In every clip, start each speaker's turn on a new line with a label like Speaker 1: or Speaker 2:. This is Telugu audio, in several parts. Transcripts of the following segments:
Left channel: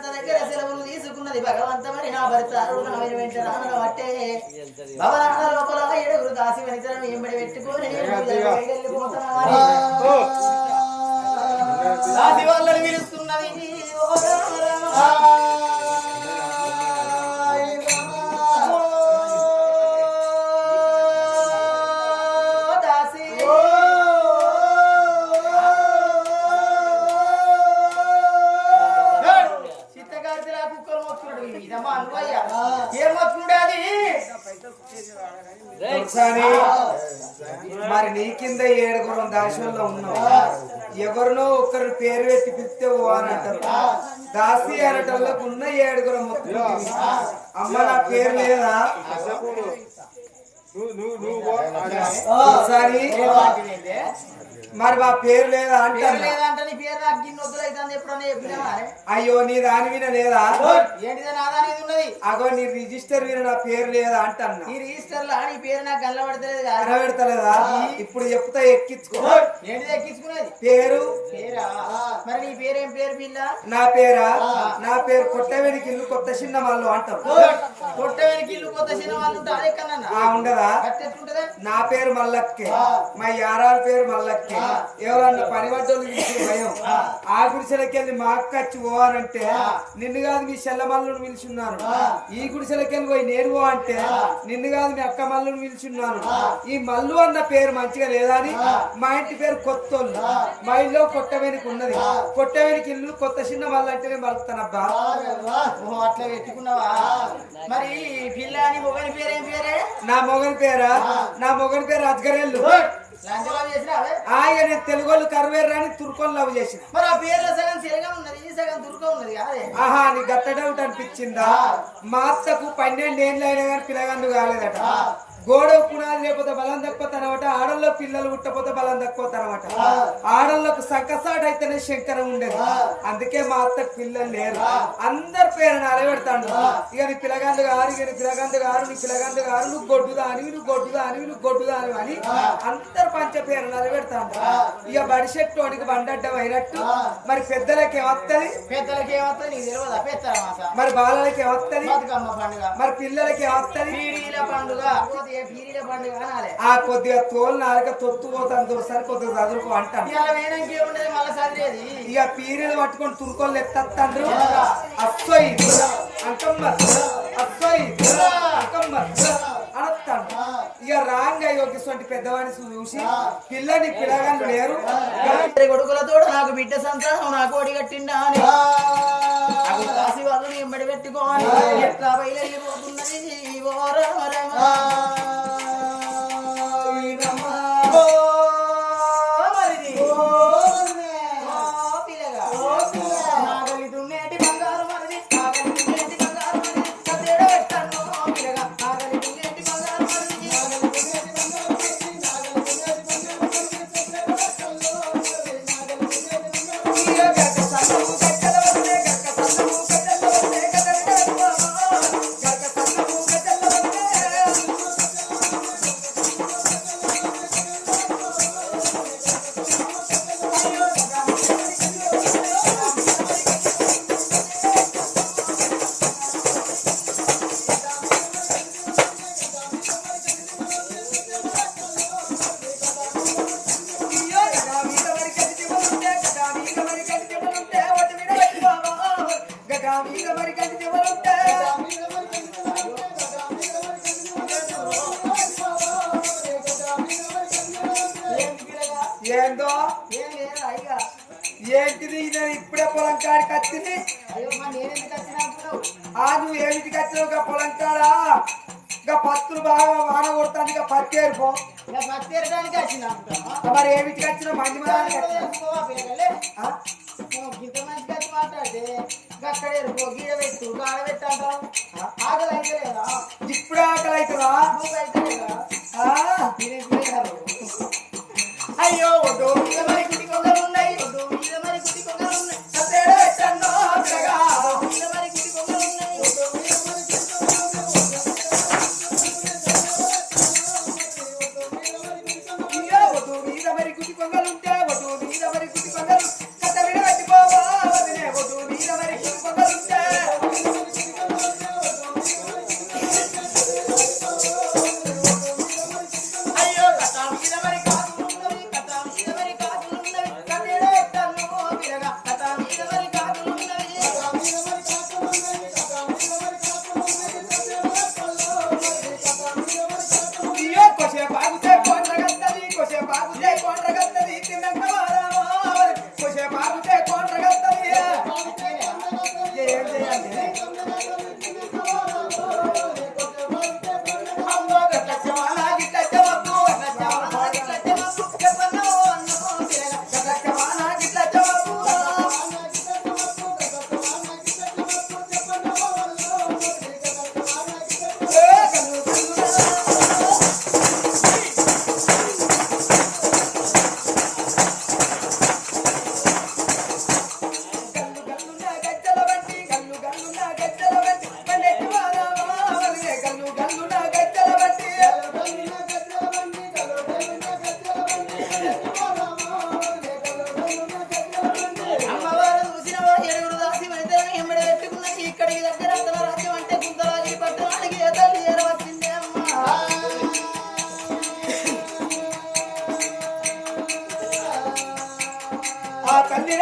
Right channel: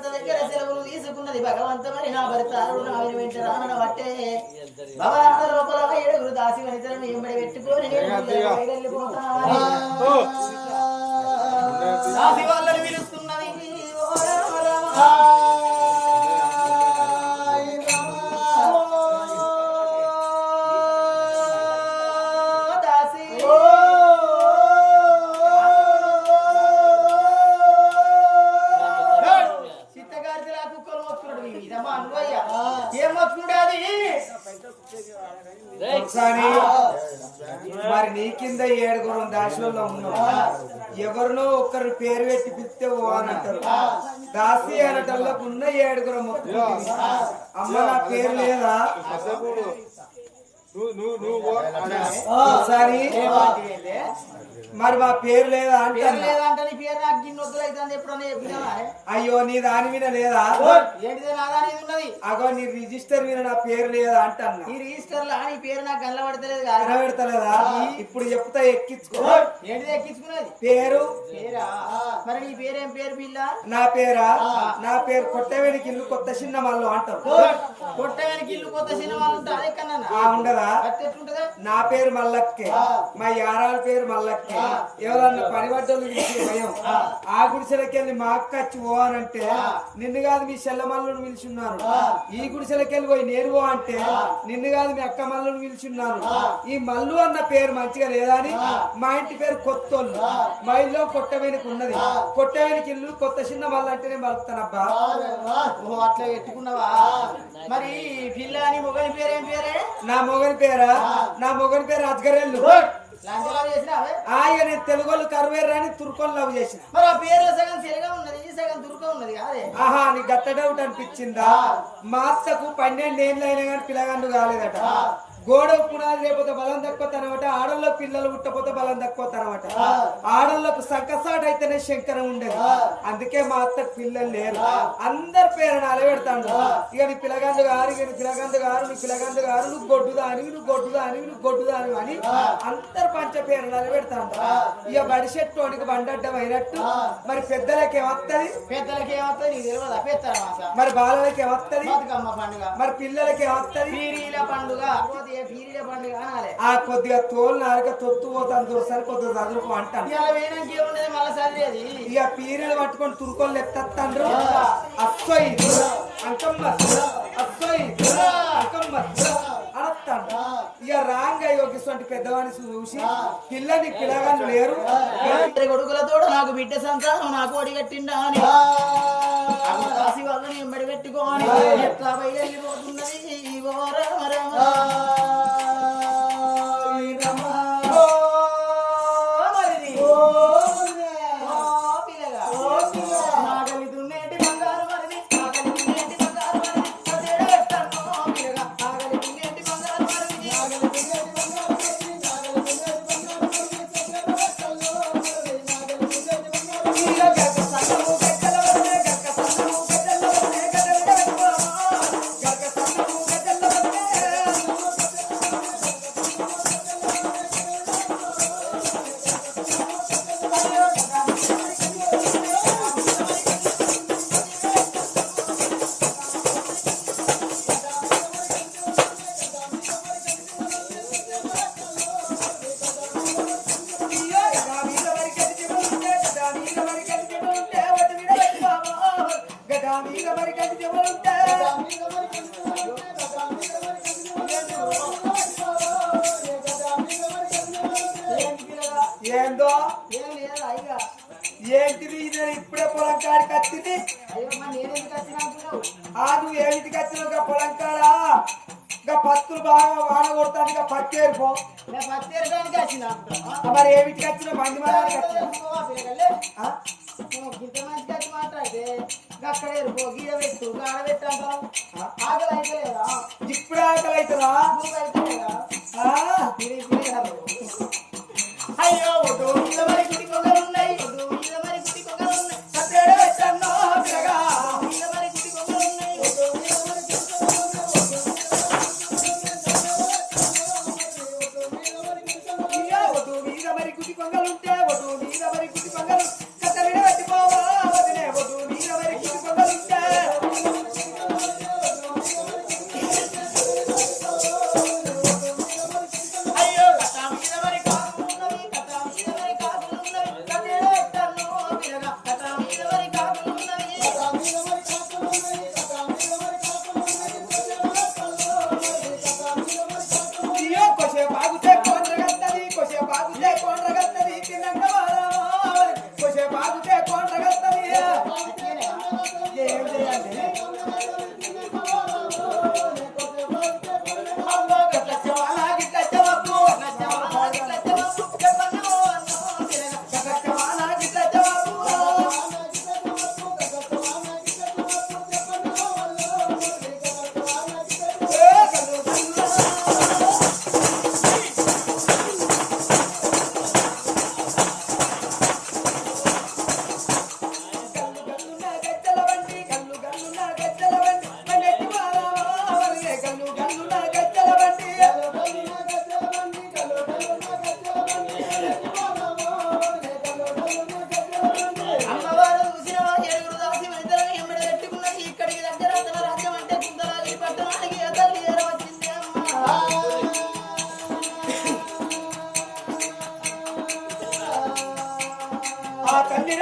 Speaker 1: భర్త దగ్గర సెలవులు తీసుకున్నది భగవంతమని నా భర్త అరుడు నా వెంట రానన భవనాల లోపల ఏడుగురు దాసి ఎంబడి పెట్టుకొని నేను వెళ్ళిపోతున్నామని దాసి వాళ్ళని పిలుస్తున్నది. ఓ రామ రామ.
Speaker 2: కింద ఏడుగురు దాసుల్లో ఉన్నావు ఎవరినో ఒకరు పేరు పెట్టి పిలిస్తే అని అంటారు. దాసి అనటంలోకి ఉన్న ఏడుగురు మొత్తం అమ్మ నా పేరు లేదా? ఒకసారి? మరి మా పేరు లేదా
Speaker 1: లేదంటే నీ పేరు నాకు గిన్నె ఎప్పుడన్నా చెప్పినావా
Speaker 2: అయ్యో నీ దాని మీద లేదా?
Speaker 1: ఏంటిదే ఉన్నది?
Speaker 2: అగో నీ రిజిస్టర్ మీద నా పేరు లేదా అంటన్నా.
Speaker 1: ఈ రిజిస్టర్ లా నీ పేరు నాకు కనబడతలేదు కాదు.
Speaker 2: కనబెడతలేదా? ఇప్పుడు చెప్తా ఎక్కించుకో.
Speaker 1: ఏంటిది ఎక్కించుకునేది?
Speaker 2: పేరు?
Speaker 1: పేరా? మరి నీ పేరేం పేరు పిల్ల?
Speaker 2: నా పేరా? నా పేరు కొట్టవేనికి ఇల్లు కొత్త చిన్న వాళ్ళు అంటారు
Speaker 1: కొట్టవేనికి ఇల్లు కొత్త చిన్న వాళ్ళు ఉంటారు
Speaker 2: ఉండదా? నా పేరు మల్లక్కే. మా యారాల పేరు మల్లక్కే. ఎవరన్నా పని పడ్డోళ్ళు పిలిచిన భయం. ఆ. గుడిసెలకి వెళ్ళి మా అక్క వచ్చి పోవాలంటే నిన్ను కాదు మీ చెల్ల మల్లుని పిలిచున్నారు. ఈ గుడిసెలకి వెళ్ళి పోయి నేను పో అంటే నిన్ను కాదు మీ అక్క మల్లుని పిలిచున్నాను ఈ మల్లు అన్న పేరు మంచిగా లేదా అని మా ఇంటి పేరు కొత్తోళ్ళు. మా ఇల్లు కొట్టవేనికి ఉన్నది. కొట్టవేనికి ఇల్లు కొత్త చిన్న మల్లు అంటేనే మలుపుతానబ్బా
Speaker 1: అట్లా పెట్టుకున్నావా? మరి పిల్ల అని మొగని పేరేం పేరే?
Speaker 2: నా మొగని పేరా? నా మొగని పేరు అజ్గరేళ్ళు ఆయన నేను తెలుగోళ్ళు కరువేరు అని తుర్కొని లవ్ చేసిన.
Speaker 1: మరి ఆ పేర్లో సగం తెలుగా ఉన్నది ఈ సగం దుర్గ ఉన్నది కాదే?
Speaker 2: ఆహా నీ గట్ట డౌట్ అనిపించిందా? మా అత్తకు పన్నెండు ఏళ్ళు అయినా కానీ పిల్లగాండు కాలేదట గోడ పునాది లేకపోతే బలం తక్కువతనమాట ఆడల్లో పిల్లలు పుట్టపోతే బలం తక్కువతనమాట ఆడళ్ళకు సంకసాట అయితేనే శంకరం ఉండేది. అందుకే మా అత్తకు పిల్లలు లేరు. అందరి పేరు నాలే పెడతాడు ఇక నీ పిల్లగాండు గారు ఇక నీ పిల్లగాండు గారు నీ పిల్లగాండు గారు నువ్వు గొడ్డుదా అని నువ్వు గొడ్డుదా అని నువ్వు గొడ్డుదా అని అని అందరు పంచ పేరు నాలే పెడతాడు ఇక బడిసెట్టు వాడికి బండడ్డం అయినట్టు. మరి పెద్దలకి ఏమత్తది
Speaker 1: పెద్దలకి ఏమవుతుంది నీకు తెలియదా
Speaker 2: మరి బాలలకి ఏమత్తది మరి పిల్లలకి ఏమత్తది
Speaker 1: పండుగ. పీరీల
Speaker 2: ఆ కొద్దిగా తోలు నాలుక తొత్తు పోతాను దొరసారి కొద్దిగా చదువుకో అంటాను. ఇక పీరియలు పట్టుకొని తురుకోళ్ళు ఎత్తండ్రు అస్సోయి. అంకమ్మ. అస్సోయి. అంకమ్మ. అనొత్తాడు ఇక రాంగ్ ఇటువంటి పెద్దవాడిని చూసి పిల్లని పిల్లగాళ్ళు లేరు.
Speaker 1: కొడుకులతో నాకు బిడ్డ సంతానం నాకు ఒడిగట్టిండా అని. కాసి వాళ్ళని ఎంబడి పెట్టుకోని ఎట్లా బయలుపోతున్నది ఓ రామ రామ.
Speaker 2: ఏందో?
Speaker 1: ఏం లేదు అయ్యా
Speaker 2: ఏంటిది? ఇది ఇప్పుడే పొలం కాడికి వచ్చింది.
Speaker 1: వచ్చినా
Speaker 2: ఆ నువ్వు ఏమిటికి వచ్చినావు? ఇక పొలం కాడా? ఇక పత్తులు బాగా వాన కొడతాను ఇక పత్తి
Speaker 1: నేను అనుకుంటున్నా
Speaker 2: మరి ఏమిటికి వచ్చినావు? మంది
Speaker 1: ఇంత మంచిగా వచ్చి మాట్లాడితే అక్కడ ఎరుకో గీడ పెట్టు గాడ పెట్టు అంటావు ఆకలి అయితే లేదా?
Speaker 2: ఇప్పుడే ఆకలి అవుతుందా
Speaker 1: అయితే లేదా? అయ్యో ఒడ్డు మీద
Speaker 2: geldi.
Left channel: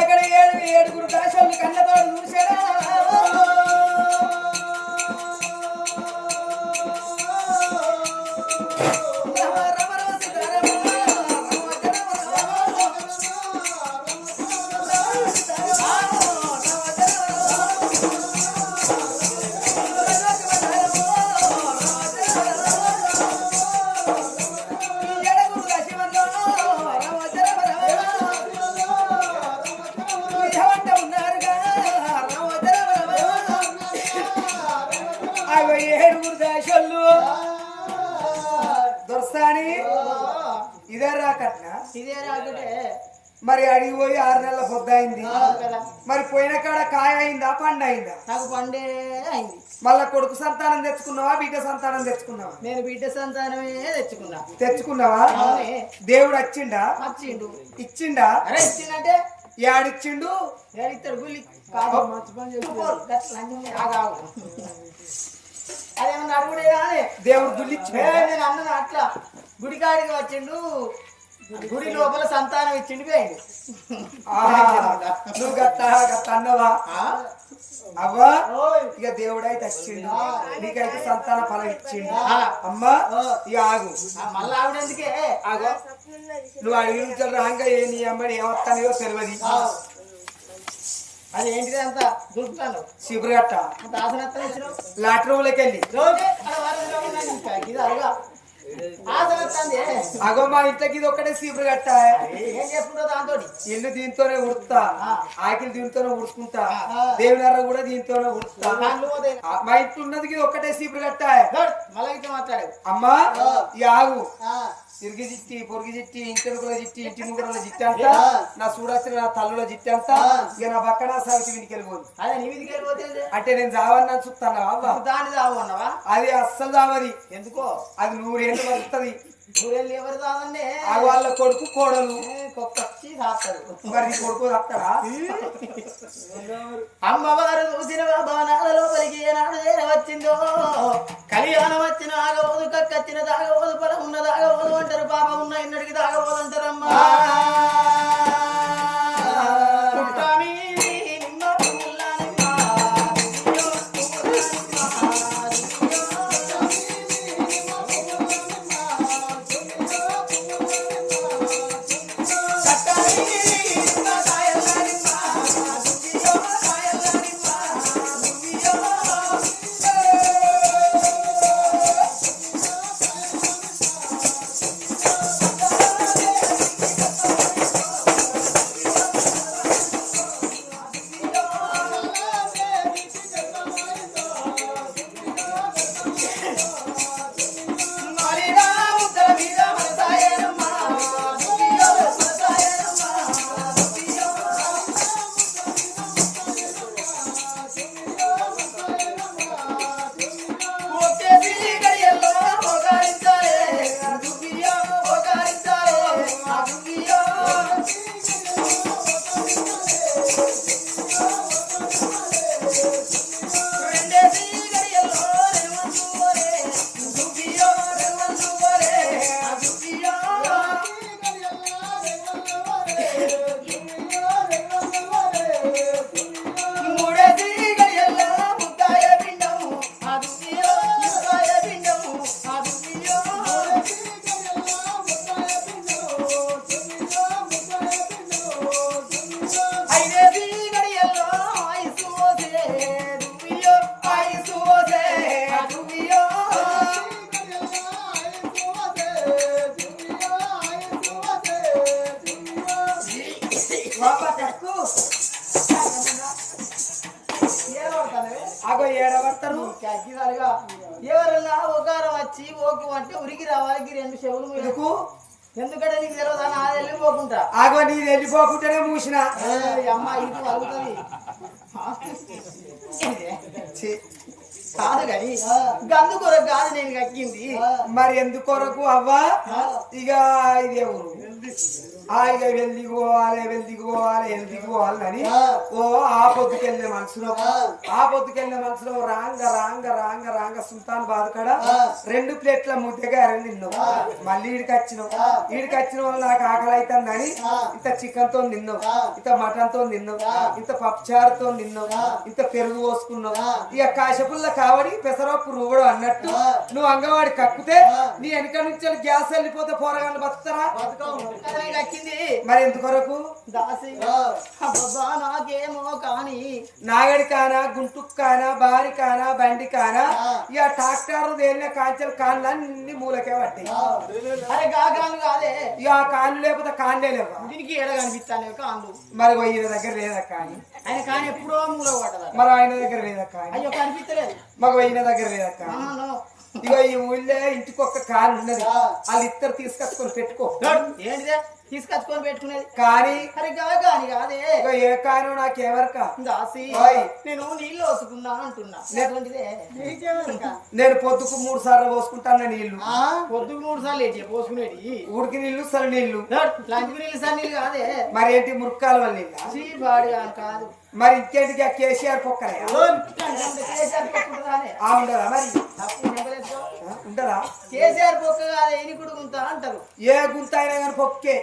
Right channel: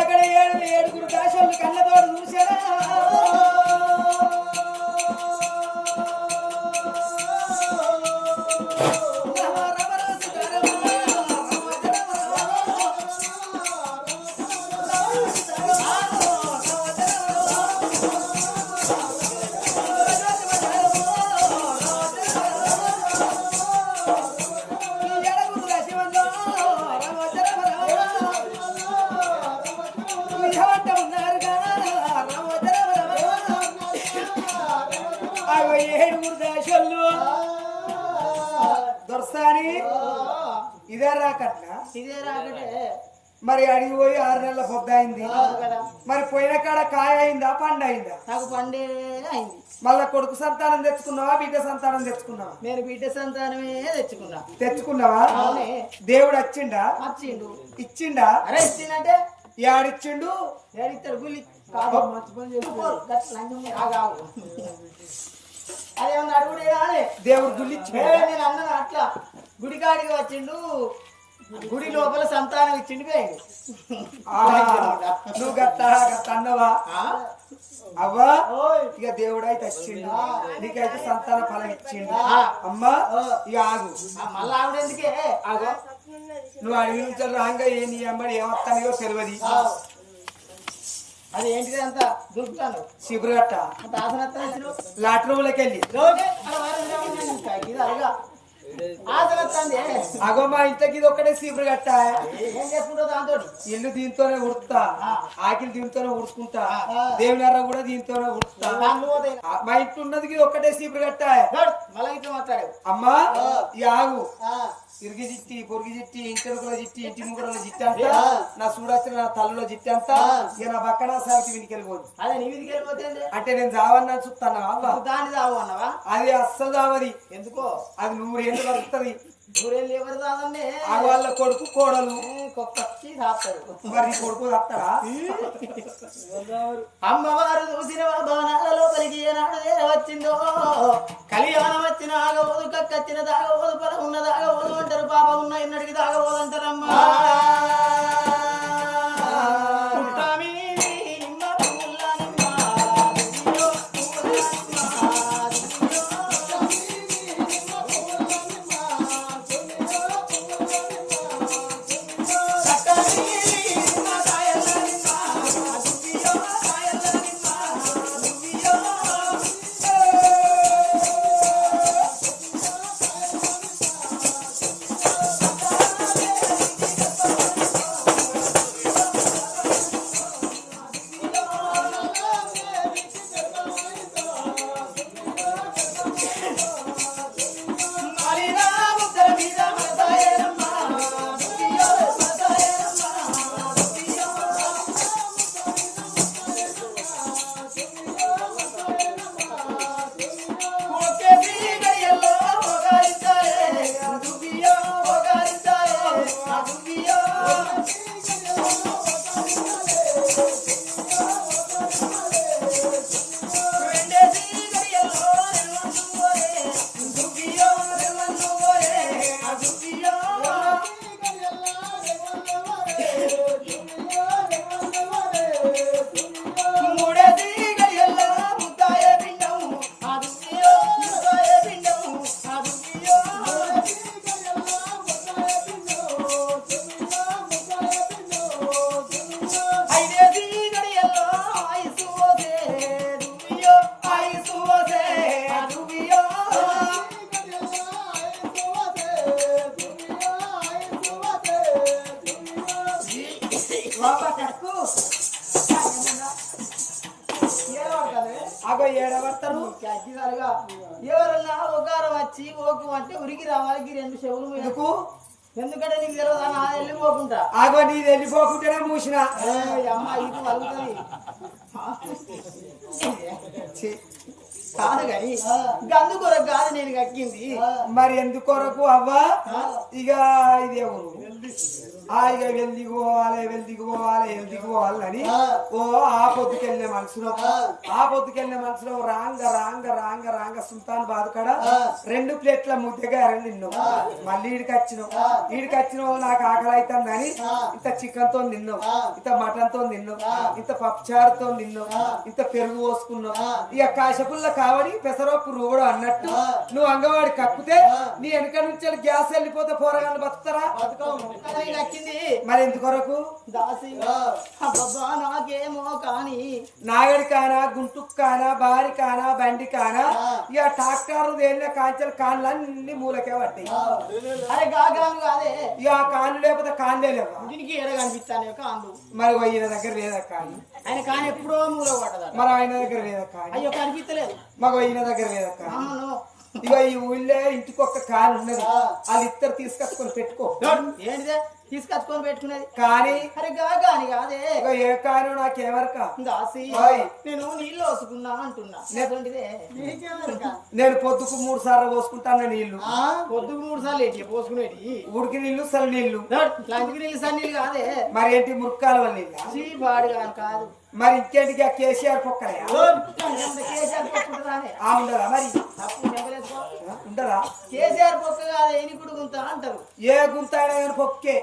Speaker 2: ఎక్కడ ఏడు ఏడుగురు దాశలు కళ్ళతోడు చూసారా దొరసాని ఇదే రాకట్నా?
Speaker 1: ఇదే రాకటే.
Speaker 2: మరి అడిగి పోయి ఆరు నెలల
Speaker 1: కదా.
Speaker 2: మరి పోయిన కాడ కాయ అయిందా పండు అయిందా?
Speaker 1: నాకు పండే అయింది.
Speaker 2: మళ్ళా కొడుకు సంతానం తెచ్చుకున్నావా బిడ్డ సంతానం తెచ్చుకున్నావా?
Speaker 1: నేను బిడ్డ సంతానమే తెచ్చుకున్నా.
Speaker 2: తెచ్చుకున్నావా? దేవుడు వచ్చిండా
Speaker 1: వచ్చిండు
Speaker 2: ఇచ్చిండా?
Speaker 1: అరే ఇచ్చిందంటే
Speaker 2: యాడిచ్చిండు?
Speaker 1: అదేమన్నా అడుగుడేనా అని.
Speaker 2: దేవుడు గుల్లిచ్చిండు
Speaker 1: నేను అన్నాను అట్లా. గుడికాడికి వచ్చిండు. గుడి లోపల సంతానం ఇచ్చిండు పోయిండు.
Speaker 2: నువ్వు గట్ట గట్ట అన్నవా? అవ్వా. ఇక దేవుడైతే వచ్చిండు. నీకైతే సంతాన ఫలం ఇచ్చిండు. అమ్మా ఇక ఆగు.
Speaker 1: మళ్ళా ఆవిడ ఎందుకే
Speaker 2: ఆగో. నువ్వు అడిగి నుంచి రాంగా ఏ నీ అమ్మని ఏమొస్తానియో తెలియదు
Speaker 1: అది ఏంటిది అంత? దొరుకుతాను
Speaker 2: శిబిరగట్ట
Speaker 1: అంత ఆసనత్తం ఇచ్చినావు?
Speaker 2: లాట్రూమ్లోకి వెళ్ళి.
Speaker 1: అదిగా ఆసనత్తాంది
Speaker 2: అగో మా ఇంటికి ఇది ఒక్కటే శిబిరగట్ట
Speaker 1: ఏం చేసుకుంటావు దాంతో
Speaker 2: ఇల్లు దీంతోనే ఉడుతా. ఆకిలి దీంతోనే ఉడుచుకుంటా. దేవునర్ర కూడా దీంతోనే ఉడుతా మా ఇంట్లో ఉన్నది ఇది ఒక్కటే శిబిరగట్ట
Speaker 1: గడ్ మళ్ళా ఇట్లా మాట్లాడావు
Speaker 2: అమ్మా ఈ ఆగు. ఇరిగి జిట్టి పొరుగు జిట్టి ఇంటెనుకుల జిట్టి ఇంటి ముగ్గురుల జిట్టి అంతా నా చూడొచ్చిన నా తల్లుల జిట్టి అంతా ఇక నా పక్కన సాగితే వీనికి వెళ్ళిపోదు
Speaker 1: అదే నీ
Speaker 2: అంటే నేను చావన్నా చూస్తాను
Speaker 1: దాన్ని అన్నావా
Speaker 2: అది అస్సలు చావది
Speaker 1: ఎందుకో?
Speaker 2: అది నూరేళ్ళు బతుకుతుంది.
Speaker 1: ఊరెళ్ళి ఎవరు దాదన్నే
Speaker 2: ఆ వాళ్ళ కొడుకు కోడలు. మరి కొడుకు
Speaker 1: అమ్మవారు చూసిన భవనాల లోపలికి ఏనాడు వచ్చిందో కళ్యాణం వచ్చిన ఆగబోదు కక్కచ్చిన దాగబోదు పొలం ఉన్న దాగబోదు అంటారు పాప ఉన్న ఇన్నడికి దాగబోదు అంటారమ్మా.
Speaker 2: అగో ఏడబడతారు.
Speaker 1: ఎవరన్నా ఒకారం వచ్చి ఓకు అంటే ఉరికి రావాలి రెండు చెవులు.
Speaker 2: ఎందుకు?
Speaker 1: ఎందుకంటే నీకు తెలియదు అని ఆ వెళ్ళిపోకుంటా.
Speaker 2: ఆగో నీ వెళ్ళిపోకుంటేనే మూసిన.
Speaker 1: అమ్మ ఇటు వలుగుతుంది. కాదు కానీ గందు కొరకు కాదు నేను కక్కింది.
Speaker 2: మరి ఎందుకొరకు అవ్వా? ఇక ఇదే ఊరు ఆ ఇక వెల్దికి పోవాలి వెల్దికి పోవాలి వెల్దికి పోవాలని ఓ ఆ పొద్దుకెళ్ళే మనసులో ఆ. పొద్దుకెళ్ళే మనసులో రాంగ రాంగ రాంగ రాంగ సుల్తాన్ బాదుకాడ రెండు ప్లేట్ల ముద్దగా తిన్నావు మళ్ళీ ఈడికి వచ్చినావు ఈడికి వచ్చిన వల్ల నాకు ఆకలి అవుతుందని ఇంత చికెన్తో తిన్నావు ఇంత మటన్తో తిన్నావు ఇంత పప్పుచారుతో తిన్నావు ఇంత పెరుగు పోసుకున్నావు ఇక కాశపుల్ల కావడి పెసరప్పు రువ్వడు అన్నట్టు నువ్వు అంగవాడి కక్కుతే నీ వెనక నుంచి గ్యాస్ వెళ్ళిపోతే పోరగాళ్ళు బతుకుతారా? మరి ఎందుకొరకు?
Speaker 1: నాకేమో కానీ.
Speaker 2: నాగడి కానా గుంటుకు కానా బారి కానా బండి కానా? ఇక ట్రాక్టర్ తేలిన కాంచెల కాన్లు అన్ని మూలకే పట్టాయి
Speaker 1: అరే కాదే
Speaker 2: ఇక ఆ కాళ్ళు లేకపోతే కాన్లే లేవా?
Speaker 1: దీనికి ఎడ కనిపిస్తాను కాండు
Speaker 2: మరి ఈయన దగ్గర లేదా కానీ?
Speaker 1: ఆయన కానీ ఎప్పుడో మూల పడ్డదా
Speaker 2: మరి ఆయన దగ్గర లేదా కానీ?
Speaker 1: అయ్యో కనిపించలేదు
Speaker 2: మగ ఈయన దగ్గర లేదా కానీ? ఇక ఈ ఊళ్ళో ఇంటికి ఒక్క కారు ఉన్నది. వాళ్ళు ఇద్దరు తీసుకొచ్చుకొని పెట్టుకో.
Speaker 1: ఏంటిదే? తీసుకొచ్చుకొని పెట్టుకునేది.
Speaker 2: కానీ
Speaker 1: అరే గాగాని కాదే.
Speaker 2: ఏ కారు నాకెవరక
Speaker 1: దాసి
Speaker 2: ఓయ్.
Speaker 1: నేను నీళ్ళు వసుకున్నా అంటున్నా.
Speaker 2: నేను పొద్దుకు మూడు సార్లు పోసుకుంటాను నీళ్ళు
Speaker 1: పొద్దుకు మూడు సార్లు ఏంటి పోసుకునేటి
Speaker 2: ఉడికి నీళ్ళు సరి నీళ్ళు
Speaker 1: లంచ్కి నీళ్ళు సార్ నీళ్ళు కాదే.
Speaker 2: మరి ఏంటి మురుక్కాల వల్ల నీళ్ళ
Speaker 1: కాదు.
Speaker 2: మరి ఇంకేంటికి ఆ కేసీఆర్ ఆ? ఉండదా మరి? ఉండదా
Speaker 1: కేసీఆర్ పొక్క కాదు ఎన్ని గుడుగుంటా అంటారు.
Speaker 2: ఏ గుంత అయినా కానీ పొక్కే